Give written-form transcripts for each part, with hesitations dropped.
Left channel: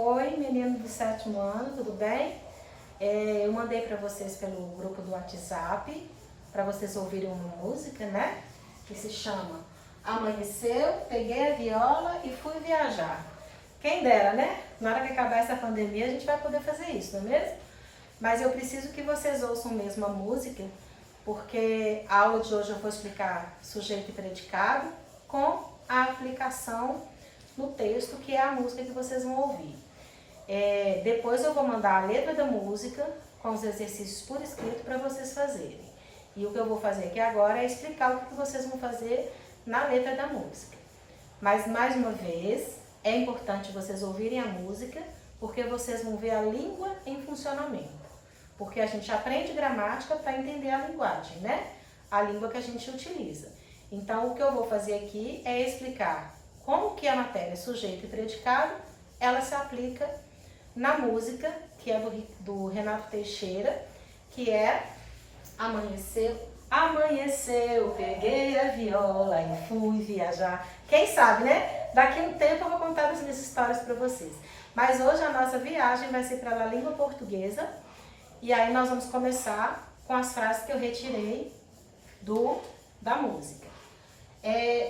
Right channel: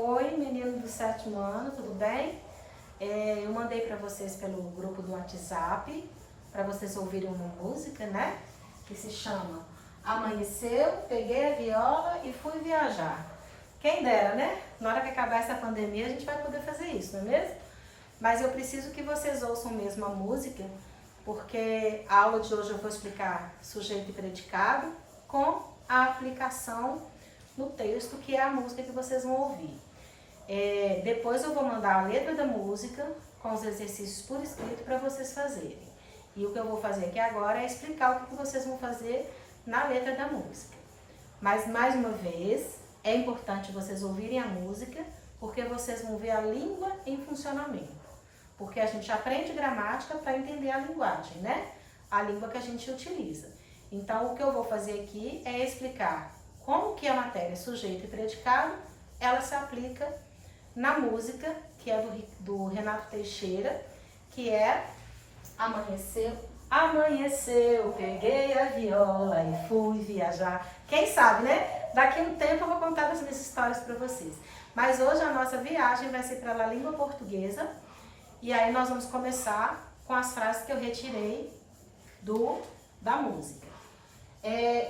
Oi, menino do 7º ano, tudo bem? Eu mandei para vocês pelo grupo do WhatsApp, para vocês ouvirem uma música, né? Que se chama Amanheceu, Peguei a Viola e Fui Viajar. Quem dera, né? Na hora que acabar essa pandemia a gente vai poder fazer isso, não é mesmo? Mas eu preciso que vocês ouçam mesmo a música, porque a aula de hoje eu vou explicar sujeito e predicado com a aplicação no texto, que é a música que vocês vão ouvir. Depois eu vou mandar a letra da música com os exercícios por escrito para vocês fazerem. E o que eu vou fazer aqui agora é explicar o que vocês vão fazer na letra da música. Mas, mais uma vez, é importante vocês ouvirem a música, porque vocês vão ver a língua em funcionamento. Porque a gente aprende gramática para entender a linguagem, né? A língua que a gente utiliza. Então, o que eu vou fazer aqui é explicar como que a matéria sujeito e predicado, ela se aplica na música, que é do Renato Teixeira, que é Amanheceu, amanheceu, peguei a viola e fui viajar. Quem sabe, né? Daqui a um tempo eu vou contar as minhas histórias para vocês. Mas hoje a nossa viagem vai ser para a língua portuguesa. E aí nós vamos começar com as frases que eu retirei da música.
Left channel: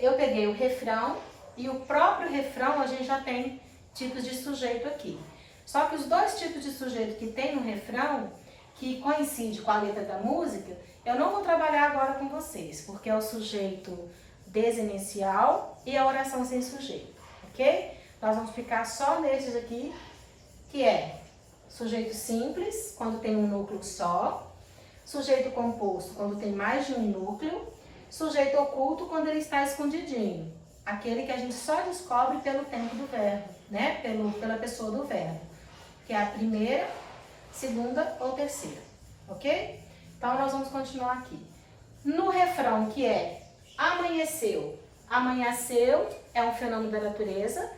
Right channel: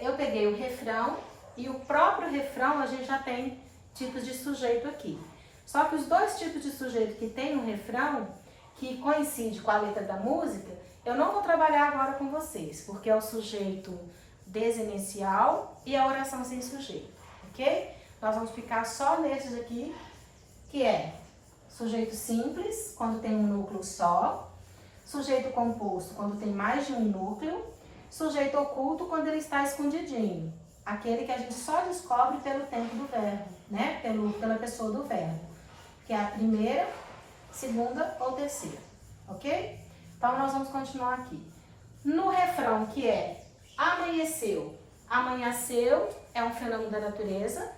Eu peguei o refrão e o próprio refrão a gente já tem tipos de sujeito aqui. Só que os dois tipos de sujeito que tem no refrão, que coincide com a letra da música, eu não vou trabalhar agora com vocês, porque é o sujeito desinicial e a oração sem sujeito, ok? Nós vamos ficar só nesses aqui, que é sujeito simples, quando tem um núcleo só, sujeito composto, quando tem mais de um núcleo, sujeito oculto, quando ele está escondidinho, aquele que a gente só descobre pelo tempo do verbo, né? Pela pessoa do verbo, que é a primeira, segunda ou terceira, ok? Então, nós vamos continuar aqui. No refrão, que é amanheceu. Amanheceu é um fenômeno da natureza,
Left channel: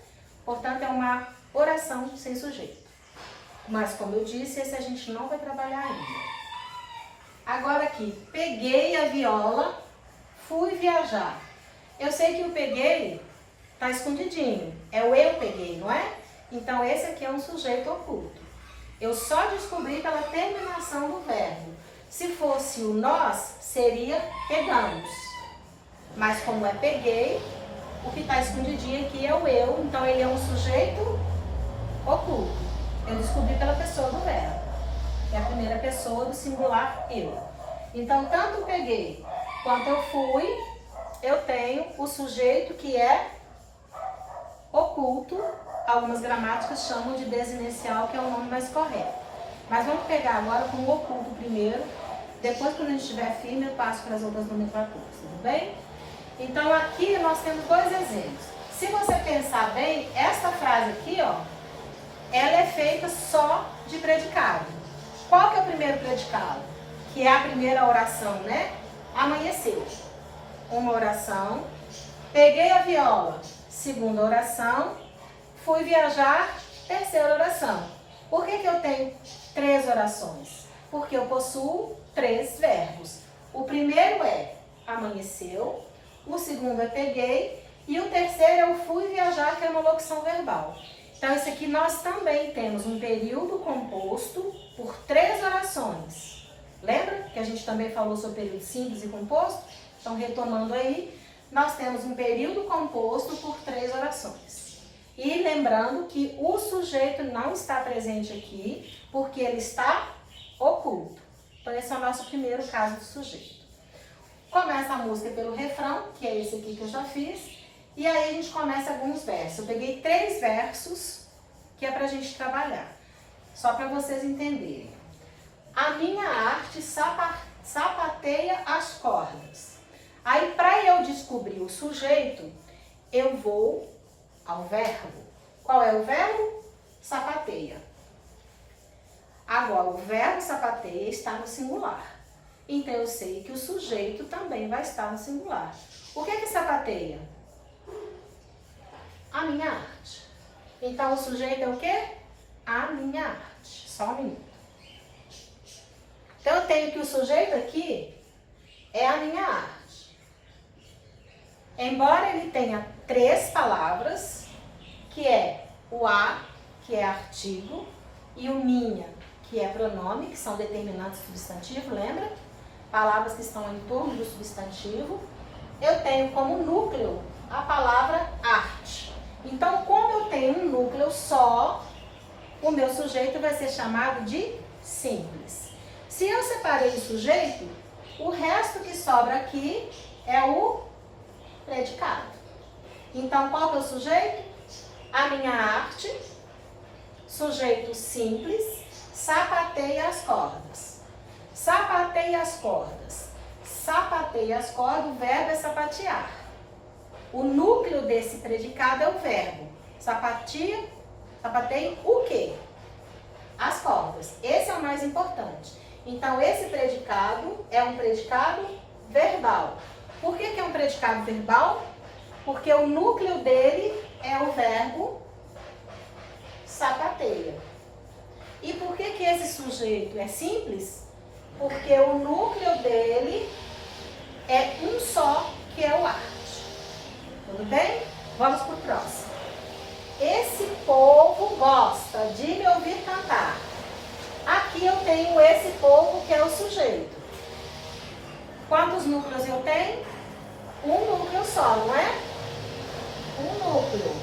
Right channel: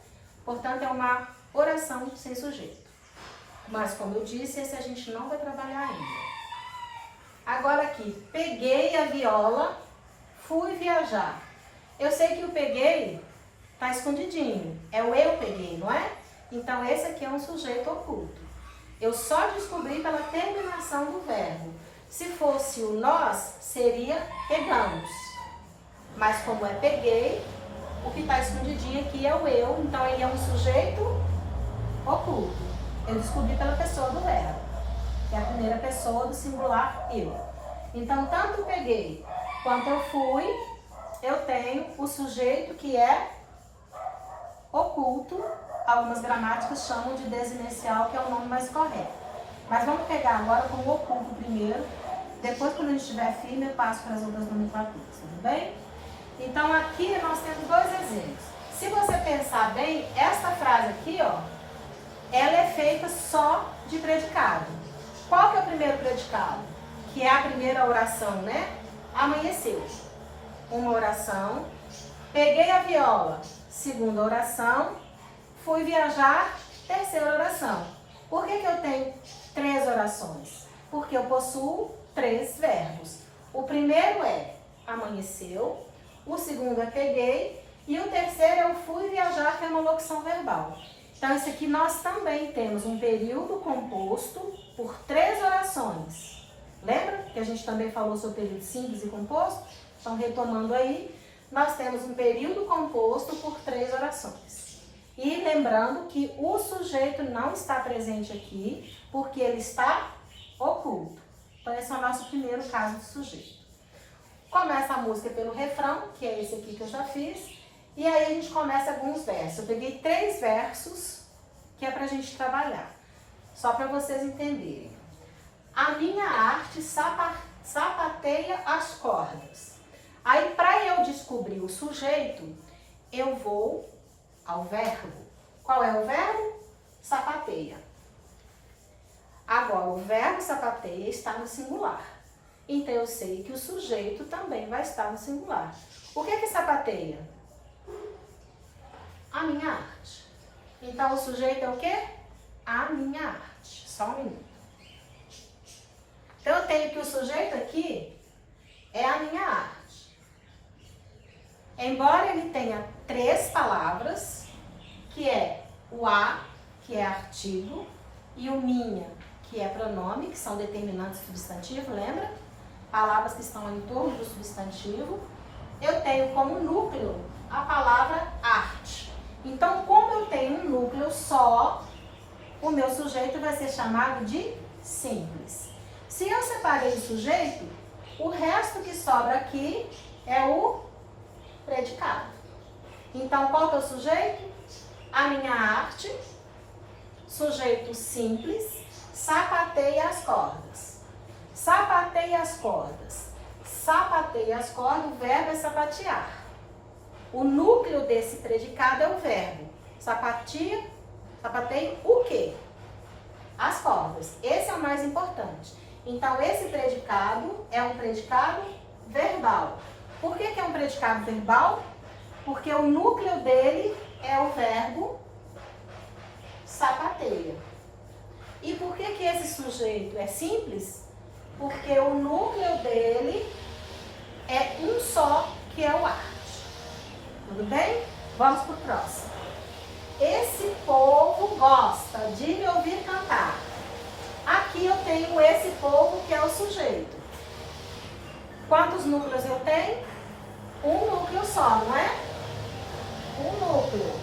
portanto, é uma oração sem sujeito. Mas, como eu disse, esse a gente não vai trabalhar ainda. Agora aqui, peguei a viola, fui viajar. Eu sei que o peguei está escondidinho, é o eu peguei, não é? Então, esse aqui é um sujeito oculto. Eu só descobri pela terminação do verbo. Se fosse o nós, seria pegamos. Mas como é peguei, o que está escondidinho aqui é o eu, então ele é um sujeito oculto. Eu descobri pela pessoa do verbo, que é a primeira pessoa do singular eu. Então, tanto peguei quanto eu fui, eu tenho o sujeito que é oculto. Algumas gramáticas chamam de desinicial, que é o nome mais correto. Mas vamos pegar agora com o oculto primeiro. Depois, quando a gente estiver firme, eu passo para as outras nomenclaturas, tudo bem? Então, aqui nós temos dois exemplos. Se você pensar bem, essa frase aqui, ó, ela é feita só de predicado. Qual que é o primeiro predicado? Que é a primeira oração, né? Amanheceu. Uma oração. Peguei a viola. Segunda oração. Fui viajar. Terceira oração. Por que eu tenho 3 orações? Porque eu possuo 3 verbos. O primeiro é amanheceu. O segundo é peguei. E o terceiro é o fui viajar, que é uma locução verbal. Então, esse aqui nós também temos um período composto por 3 orações. Lembra que a gente também falou sobre período simples e composto? Então, retomando aí, nós temos um período composto por 3 orações. E lembrando que o sujeito não está presente aqui, porque ele está oculto. Então, esse é o nosso primeiro caso de sujeito. Começa a música pelo refrão, que é esse aqui que eu já fiz. E aí a gente começa alguns versos. Eu peguei 3 versos que é pra gente trabalhar. Só para vocês entenderem. A minha arte sapateia as cordas. Aí, para eu descobrir o sujeito, eu vou ao verbo. Qual é o verbo? Sapateia. Agora, o verbo sapateia está no singular. Então, eu sei que o sujeito também vai estar no singular. O que sapateia? A minha arte. Então, o sujeito é o quê? A minha arte. Só um minuto. Então, eu tenho que o sujeito aqui é a minha arte. Embora ele tenha 3 palavras, que é o a, que é artigo, e o minha, que é pronome, que são determinantes substantivo, lembra? Palavras que estão em torno do substantivo. Eu tenho como núcleo a palavra arte. Então, como eu tenho um núcleo só, o meu sujeito vai ser chamado de simples. Se eu separei o sujeito, o resto que sobra aqui é o predicado. Então, qual que é o sujeito? A minha arte, sujeito simples, sapateia as cordas. Sapateia as cordas. Sapateia as cordas, o verbo é sapatear. O núcleo desse predicado é o verbo. Sapateia o quê? As cordas. Esse é o mais importante. Então, esse predicado é um predicado verbal. Por que é um predicado verbal? Porque o núcleo dele é o verbo sapateia. E por que esse sujeito é simples? Porque o núcleo dele é um só, que é o arte. Tudo bem? Vamos para o próximo. Esse povo gosta de me ouvir cantar. Aqui eu tenho esse povo, que é o sujeito. Quantos núcleos eu tenho? Um núcleo só, não é? Um núcleo.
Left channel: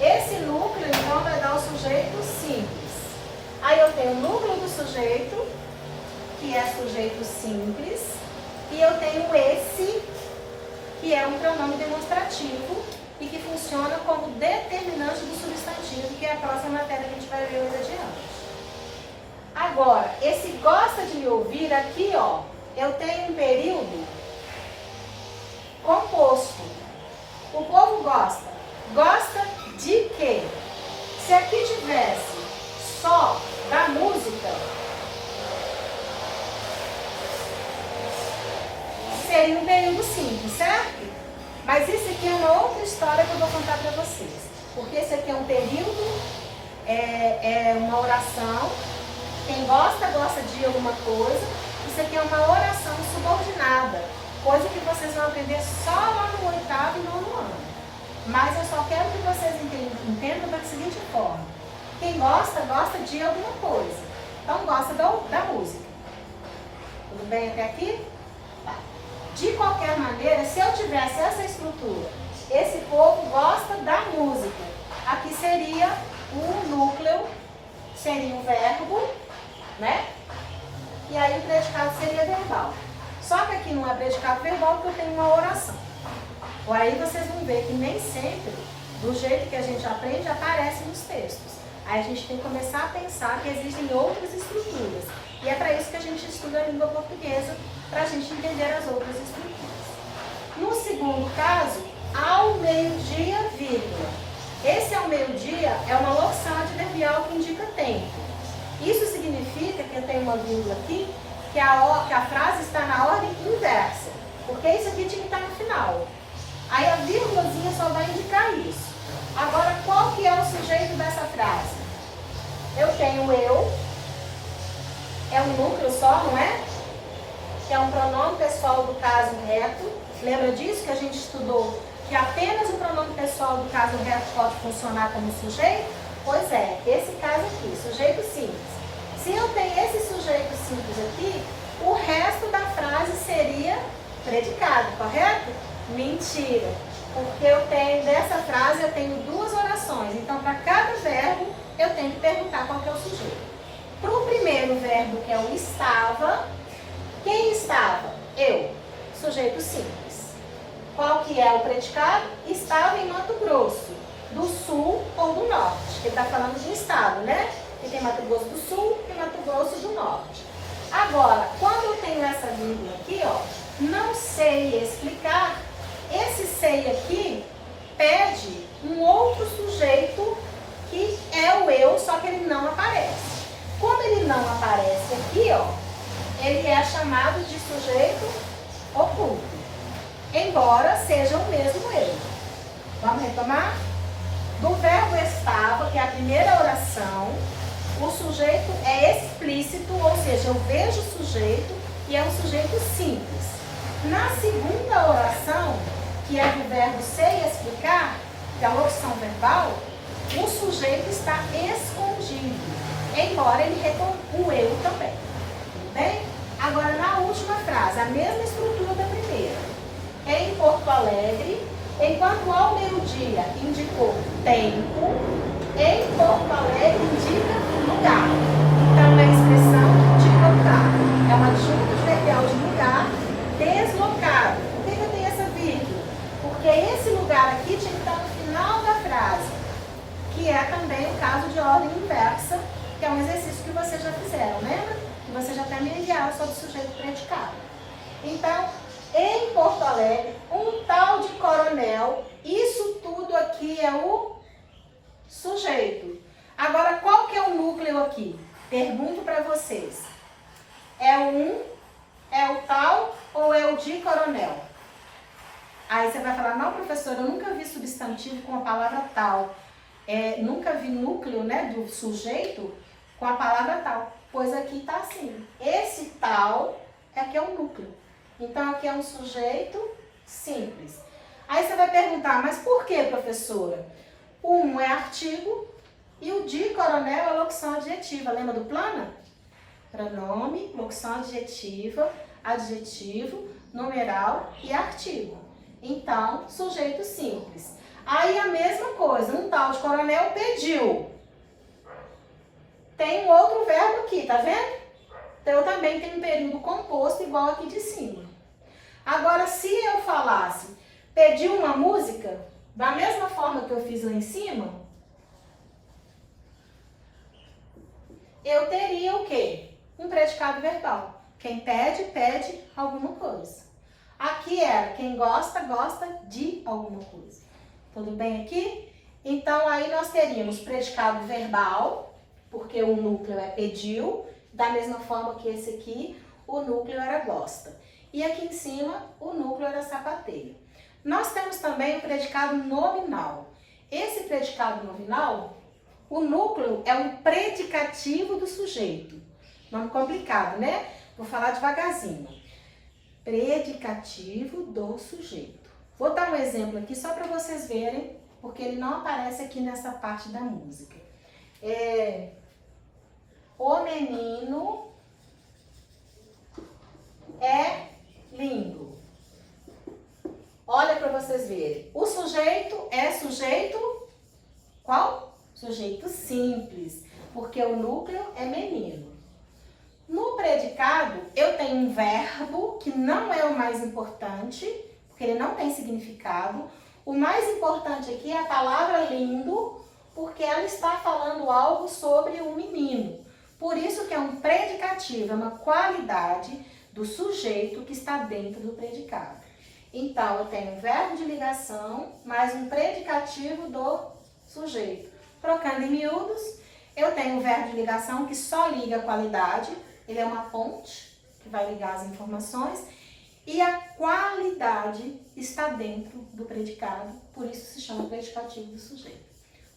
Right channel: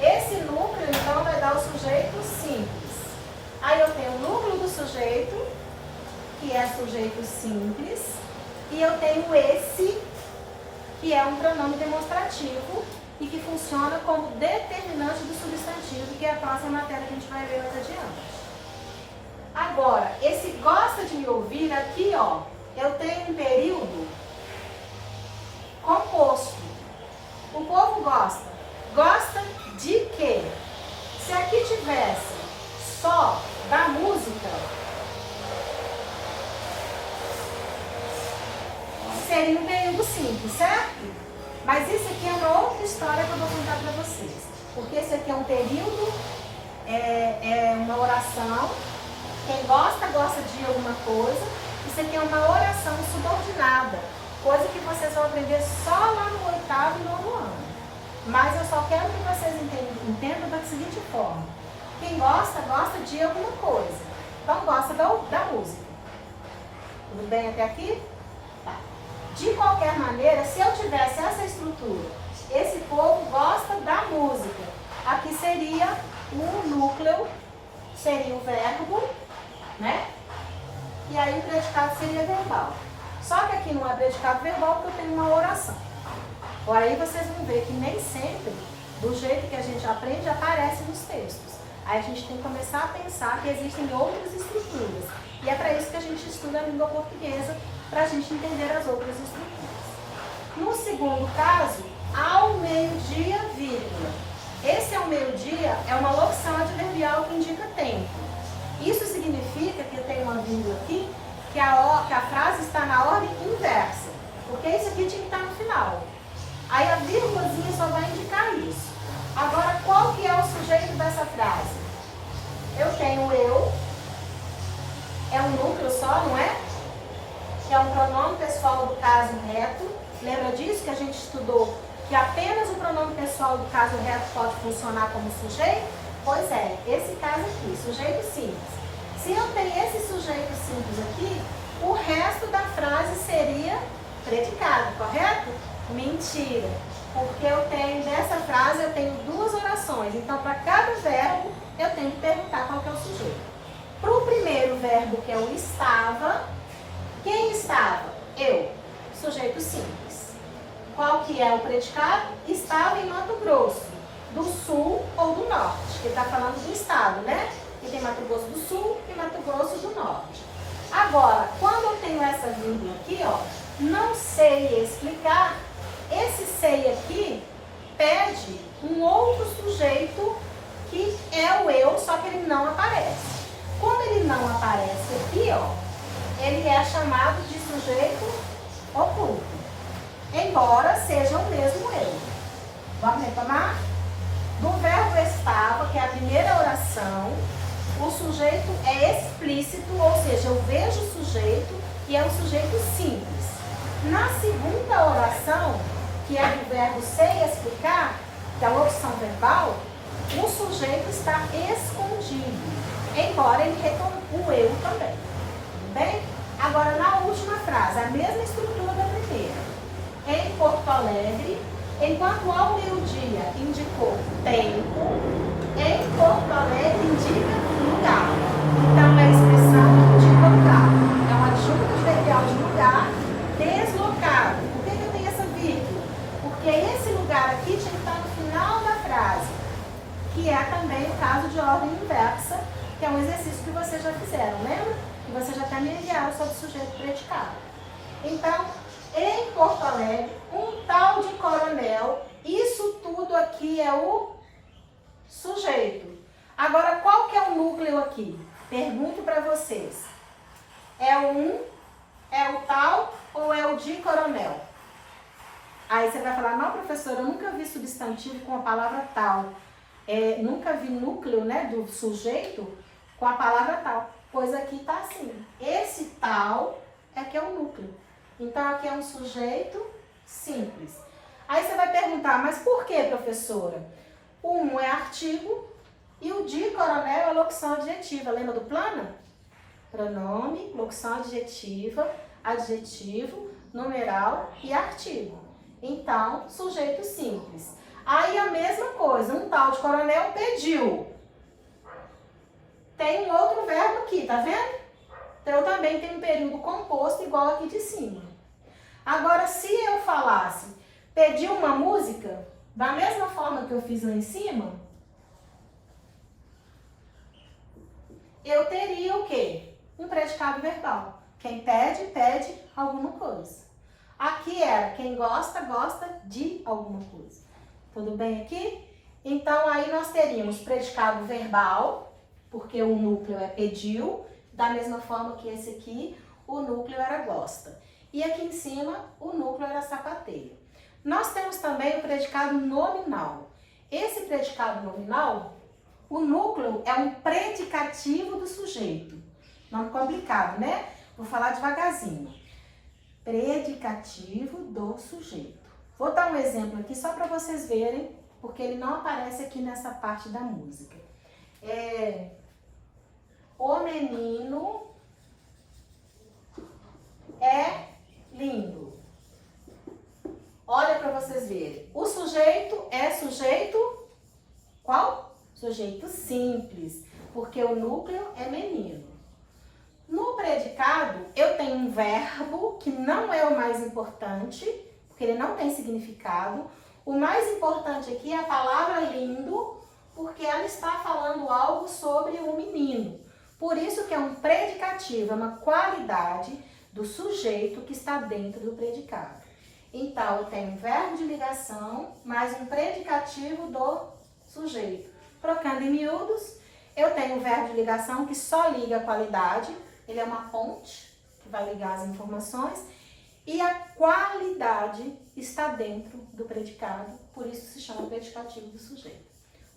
Esse núcleo, então, vai dar o sujeito simples. Aí eu tenho o núcleo do sujeito, que é sujeito simples. E eu tenho esse, que é um pronome demonstrativo e que funciona como determinante do substantivo, que é a próxima matéria que a gente vai ver mais adiante. Agora, esse gosta de me ouvir aqui, ó, eu tenho um período composto. O povo gosta. Gosta de quê? Se aqui tivesse só da música, seria um período simples, certo? Mas isso aqui é uma outra história que eu vou contar para vocês. Porque esse aqui é um período, é uma oração. Quem gosta, gosta de alguma coisa. Isso aqui é uma oração subordinada. Coisa que vocês vão aprender só lá no 8º e 9º ano. Mas eu só quero que vocês entendam da seguinte forma. Quem gosta, gosta de alguma coisa. Então, gosta da música. Tudo bem até aqui? Tá. De qualquer maneira, se eu tivesse essa estrutura, esse povo gosta da música. Aqui seria um núcleo, seria o verbo, né? E aí o predicado seria verbal. Só que aqui não é predicado verbal porque eu tenho uma oração. Aí vocês vão ver que nem sempre, do jeito que a gente aprende, aparece nos textos. Aí a gente tem que começar a pensar que existem outras estruturas. E é para isso que a gente estuda a língua portuguesa, para a gente entender as outras estruturas. No segundo caso, ao meio-dia, vírgula. Esse ao meio-dia é uma locução adverbial que indica tempo. Isso significa que eu tenho uma vírgula aqui, que a frase está na ordem inversa. Porque isso aqui tinha que estar no final. Aí a vírgulazinha só vai indicar isso. Agora, qual que é o sujeito dessa frase? Eu tenho eu, é um núcleo só, não é? Que é um pronome pessoal do caso reto. Lembra disso que a gente estudou? Que apenas o pronome pessoal do caso reto pode funcionar como sujeito? Pois é, esse caso aqui, sujeito simples. Se eu tenho esse sujeito simples aqui, o resto da frase seria predicado, correto? Mentira, porque eu tenho, dessa frase eu tenho duas orações, então para cada verbo eu tenho que perguntar qual que é o sujeito. Para o primeiro verbo, que é o estava, quem estava? Eu, sujeito simples. Qual que é o predicado? Estava em Mato Grosso, do Sul ou do Norte, que está falando do estado, né? Que tem Mato Grosso do Sul e Mato Grosso do Norte. Agora, quando eu tenho essa vírgula aqui, ó, não sei explicar, esse sei aqui pede um outro sujeito que é o eu, só que ele não aparece. Como ele não aparece aqui, ó, ele é chamado de sujeito oculto, embora seja o mesmo eu. Vamos retomar? Do verbo estava, que é a primeira oração, o sujeito é explícito, ou seja, eu vejo o sujeito e é um sujeito simples. Na segunda oração, que é do verbo ser e explicar, que é a locução verbal, o sujeito está escondido, embora ele retorne o eu também. Tudo bem? Agora, na última frase, a mesma estrutura da primeira. Em Porto Alegre, enquanto ao meio-dia indicou tempo, em Porto Alegre indica lugar. Então, é a expressão que indica lugar. É uma adjunto adverbial de lugar deslocado. Por que eu tenho essa vírgula? Porque esse lugar aqui tinha que estar no final da frase, que é também o caso de ordem inversa, que é um exercício que vocês já fizeram, lembra? Que vocês já até me enviaram sobre o sujeito predicado. Então, em Porto Alegre, um tal de coronel, isso tudo aqui é o sujeito. Agora, qual que é o núcleo aqui? Pergunto para vocês. É o um, é o tal ou é o de coronel? Aí você vai falar, não, professora, eu nunca vi substantivo com a palavra tal. Nunca vi núcleo, né, do sujeito com a palavra tal. Pois aqui está assim. Esse tal é que é o núcleo. Então, aqui é um sujeito simples. Aí você vai perguntar, mas por que, professora? O um é artigo e o de coronel é locução adjetiva. Lembra do plana? Pronome, locução adjetiva, adjetivo, numeral e artigo. Então, sujeito simples. Aí a mesma coisa, um tal de coronel pediu. Tem um outro verbo aqui, tá vendo? Então, eu também tenho um período composto igual aqui de cima. Agora, se eu falasse, pediu uma música, da mesma forma que eu fiz lá em cima, eu teria o quê? Um predicado verbal. Quem pede, pede alguma coisa. Aqui era quem gosta, gosta de alguma coisa. Tudo bem aqui? Então, aí nós teríamos predicado verbal, porque o núcleo é pediu, da mesma forma que esse aqui, o núcleo era gosta. E aqui em cima, o núcleo era sapateia. Nós temos também o predicado nominal. Esse predicado nominal, o núcleo é um predicativo do sujeito. Nome complicado, né? Vou falar devagarzinho. Predicativo do sujeito. Vou dar um exemplo aqui só para vocês verem, porque ele não aparece aqui nessa parte da música. O menino é lindo. Olha para vocês verem. O sujeito é sujeito qual? Sujeito simples, porque o núcleo é menino. No predicado, eu tenho um verbo que não é o mais importante, porque ele não tem significado. O mais importante aqui é a palavra lindo, porque ela está falando algo sobre o menino. Por isso que é um predicativo, é uma qualidade do sujeito que está dentro do predicado. Então, eu tenho um verbo de ligação, mais um predicativo do sujeito. Trocando em miúdos, eu tenho um verbo de ligação que só liga a qualidade, ele é uma ponte que vai ligar as informações, e a qualidade está dentro do predicado, por isso se chama predicativo do sujeito.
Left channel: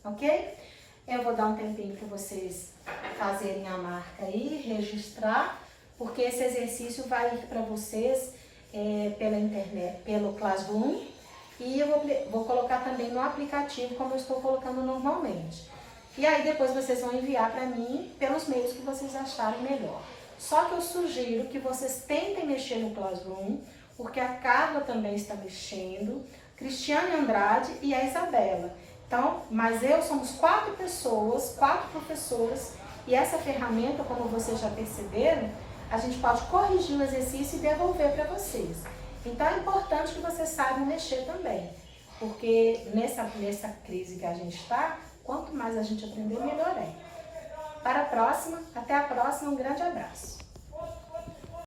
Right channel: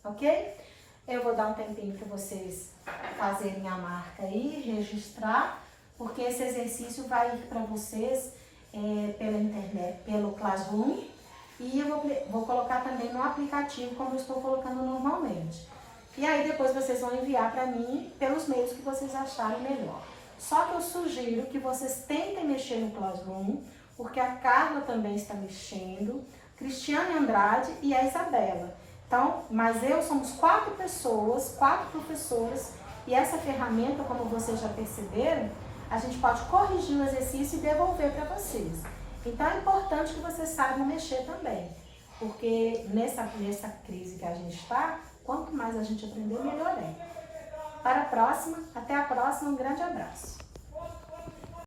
Ok? Eu vou dar um tempinho para vocês fazerem a marca aí, registrar, porque esse exercício vai ir para vocês pela internet, pelo Classroom, e eu vou colocar também no aplicativo, como eu estou colocando normalmente. E aí depois vocês vão enviar para mim pelos meios que vocês acharem melhor. Só que eu sugiro que vocês tentem mexer no Classroom, porque a Carla também está mexendo, Cristiane Andrade e a Isabela. Então, mas somos 4 pessoas, 4 professoras, e essa ferramenta, como vocês já perceberam, a gente pode corrigir o exercício e devolver para vocês. Então, é importante que vocês saibam mexer também, porque nessa crise que a gente está, quanto mais a gente aprender, melhor é. Para a próxima, até a próxima, um grande abraço.